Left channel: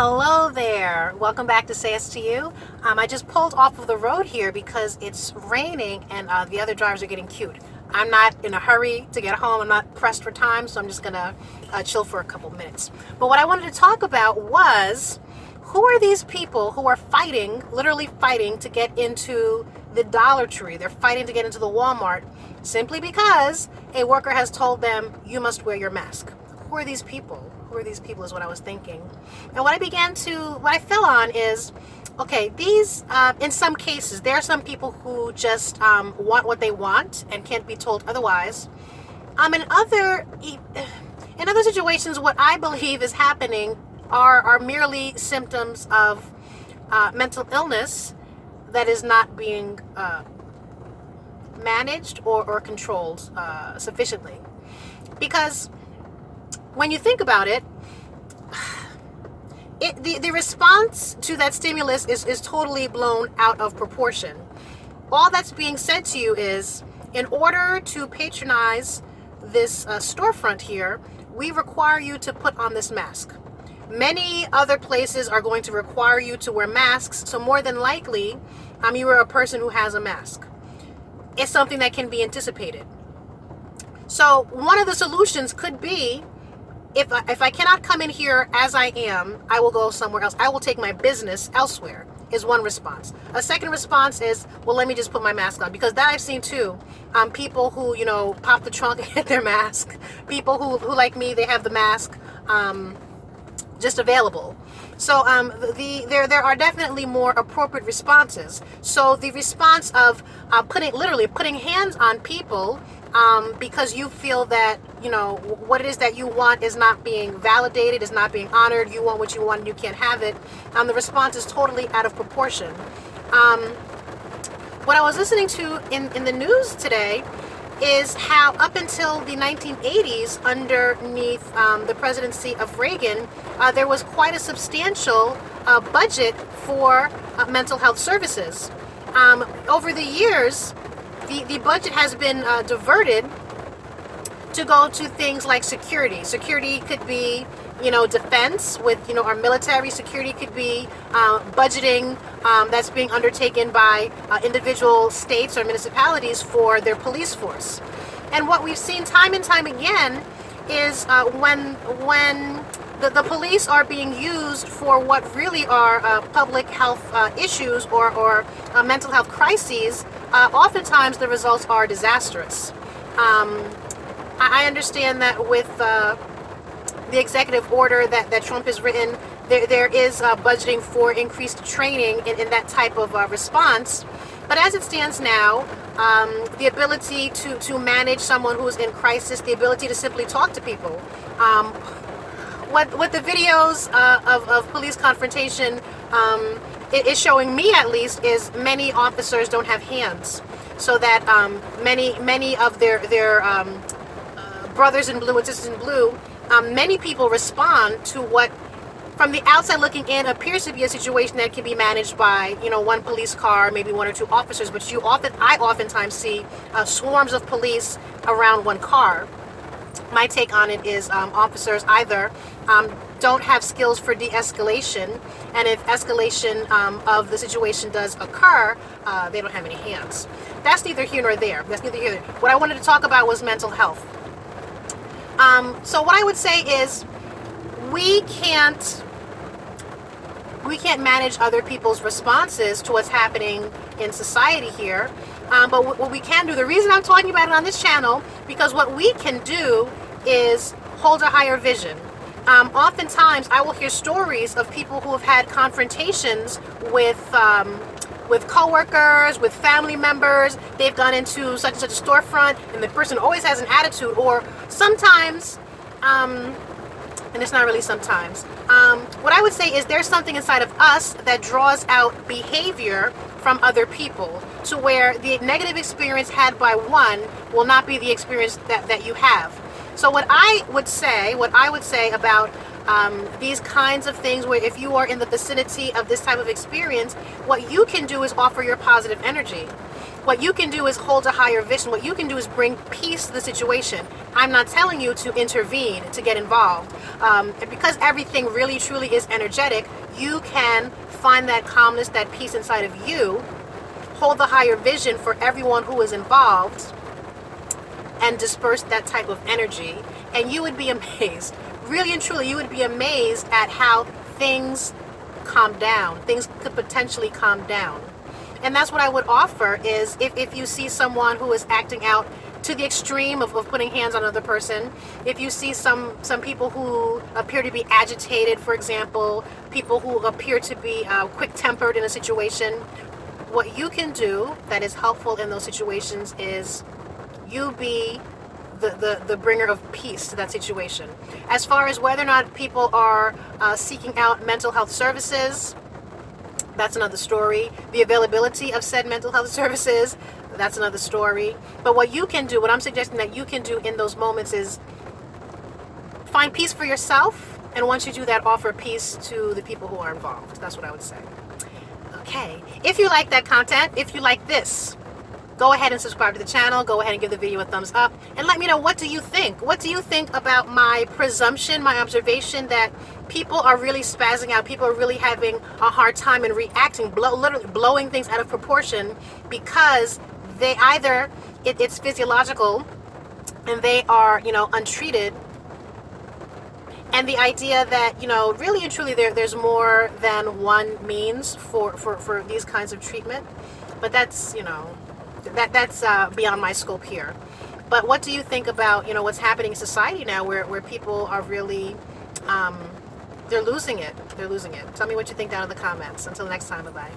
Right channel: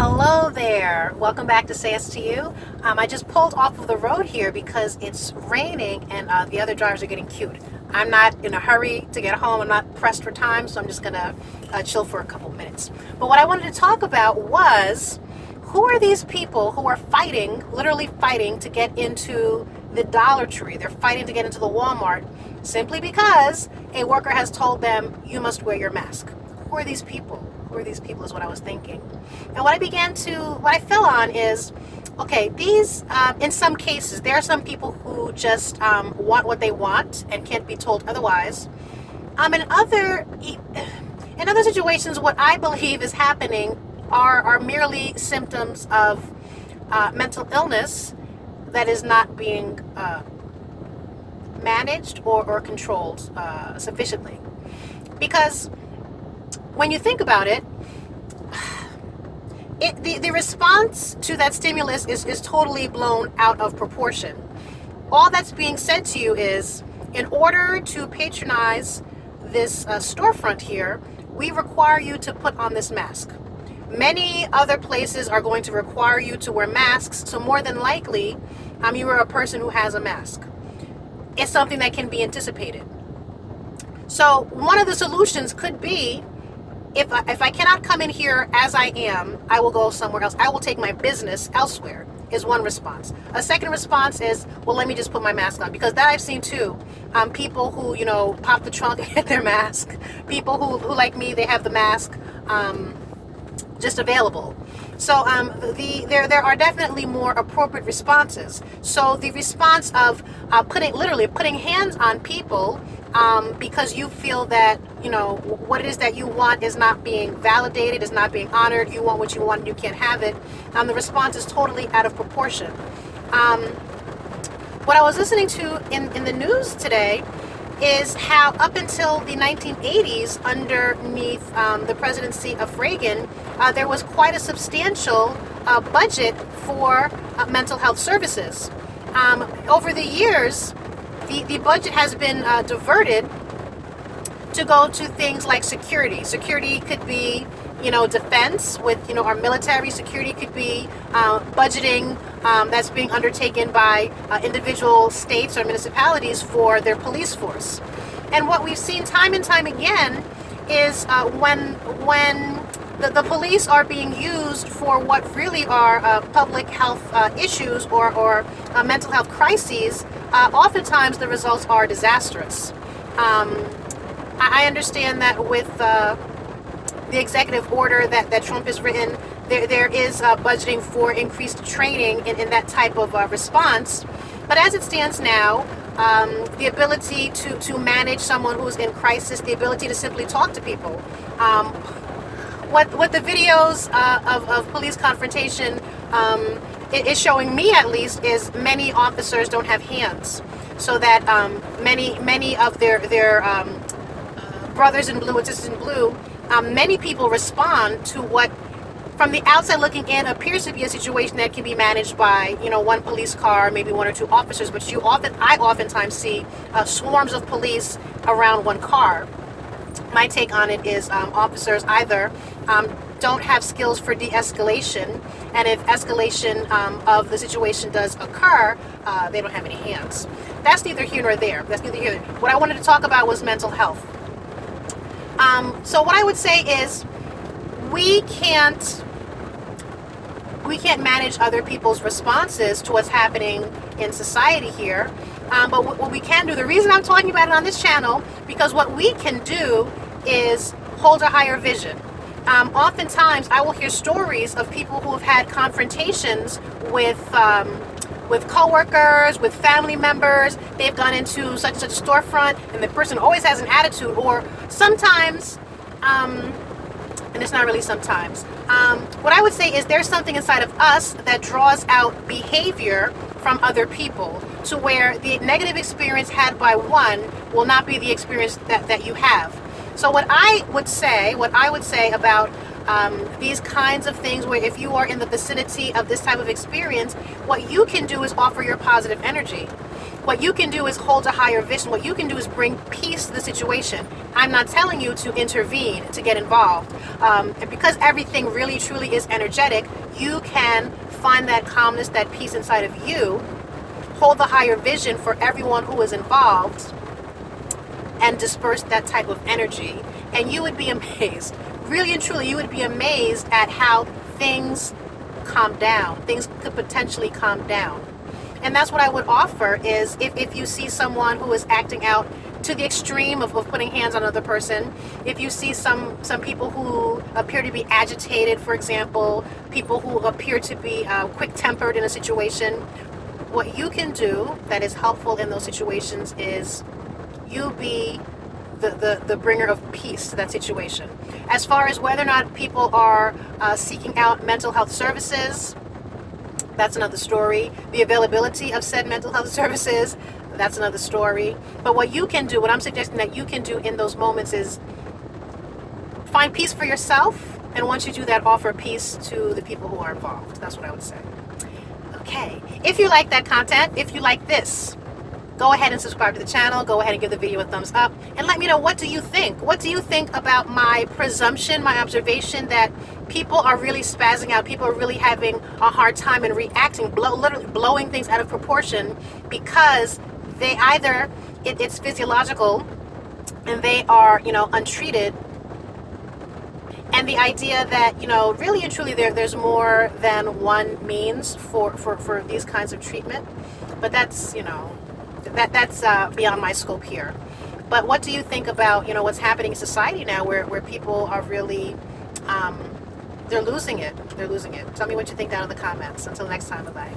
Hello there. Welcome back to Say Yes to You. I just pulled off of the road here because it's raining and the other drivers are getting cute. I'm not in a hurry to get home. I'm not pressed for time, so I'm just going to chill for a couple minutes. But what I wanted to talk about was who are these people who are fighting, literally fighting to get into the Dollar Tree? They're fighting to get into the Walmart simply because a worker has told them, you must wear your mask. Who are these people? Who are these people is what I was thinking. And what I fell on is, okay, these, in some cases, there are some people who just want what they want and can't be told otherwise. In other situations, what I believe is happening are merely symptoms of mental illness that is not being managed or controlled sufficiently. Because when you think about it, the response to that stimulus is totally blown out of proportion. All that's being said to you is, in order to patronize this storefront here, we require you to put on this mask. Many other places are going to require you to wear masks, so more than likely, you are a person who has a mask. It's something that can be anticipated. So one of the solutions could be, if I cannot come in here as I am, I will go somewhere else. I will take my business elsewhere, is one response. A second response is, well, let me just put my mask on. Because that I've seen too. People who, pop the trunk and get their mask. People who like me, they have the mask just available. So there are definitely more appropriate responses. So the response of putting hands on people because you feel that, what it is that you want is not being validated, is not being honored, you want what you want and you can't have it, the response is totally out of proportion. What I was listening to in the news today is how up until the 1980s, underneath the presidency of Reagan, there was quite a substantial budget for mental health services. Over the years, the budget has been diverted to go to things like security. Security could be, defense with, our military. Security could be budgeting that's being undertaken by individual states or municipalities for their police force. And what we've seen time and time again is when the police are being used for what really are public health issues or mental health crises, oftentimes the results are disastrous. I understand that with the executive order that Trump has written, there is budgeting for increased training in that type of response. But as it stands now, the ability to manage someone who is in crisis, the ability to simply talk to people. What the videos of police confrontation is showing me, at least, is many officers don't have hands, so that many of their brothers in blue and sisters in blue, many people respond to what, from the outside looking in, appears to be a situation that can be managed by, one police car, maybe one or two officers. But I oftentimes see swarms of police around one car. My take on it is officers either don't have skills for de-escalation, and if escalation of the situation does occur, they don't have any hands. That's neither here nor there. What I wanted to talk about was mental health. So what I would say is, we can't manage other people's responses to what's happening in society here. But what we can do, the reason I'm talking about it on this channel, because what we can do is hold a higher vision. Oftentimes, I will hear stories of people who have had confrontations with coworkers, with family members. They've gone into such and such a storefront, and the person always has an attitude. Or sometimes, and it's not really sometimes. What I would say is there's something inside of us that draws out behavior from other people, to where the negative experience had by one will not be the experience that you have. So what I would say about these kinds of things where if you are in the vicinity of this type of experience, what you can do is offer your positive energy. What you can do is hold a higher vision. What you can do is bring peace to the situation. I'm not telling you to intervene, to get involved. Because everything really truly is energetic, you can find that calmness, that peace inside of you, hold the higher vision for everyone who is involved, and disperse that type of energy. And you would be amazed, really and truly, you would be amazed at how things calm down. Things could potentially calm down. And that's what I would offer is if you see someone who is acting out to the extreme of putting hands on another person, if you see some people who appear to be agitated, for example, people who appear to be quick-tempered in a situation, what you can do that is helpful in those situations is you be the bringer of peace to that situation. As far as whether or not people are seeking out mental health services, that's another story. The availability of said mental health services, that's another story. But what you can do, what I'm suggesting that you can do in those moments is find peace for yourself, and once you do that, offer peace to the people who are involved. That's what I would say. Okay, if you like that content, if you like this, go ahead and subscribe to the channel. Go ahead and give the video a thumbs up. And let me know, what do you think? What do you think about my presumption, my observation that people are really spazzing out? People are really having a hard time and reacting, literally blowing things out of proportion because they either, it's physiological and they are, untreated. And the idea that, really and truly there's more than one means for these kinds of treatment. But that's, that's beyond my scope here. But what do you think about, what's happening in society now where people are really, they're losing it. They're losing it. Tell me what you think down in the comments. Until next time, bye-bye.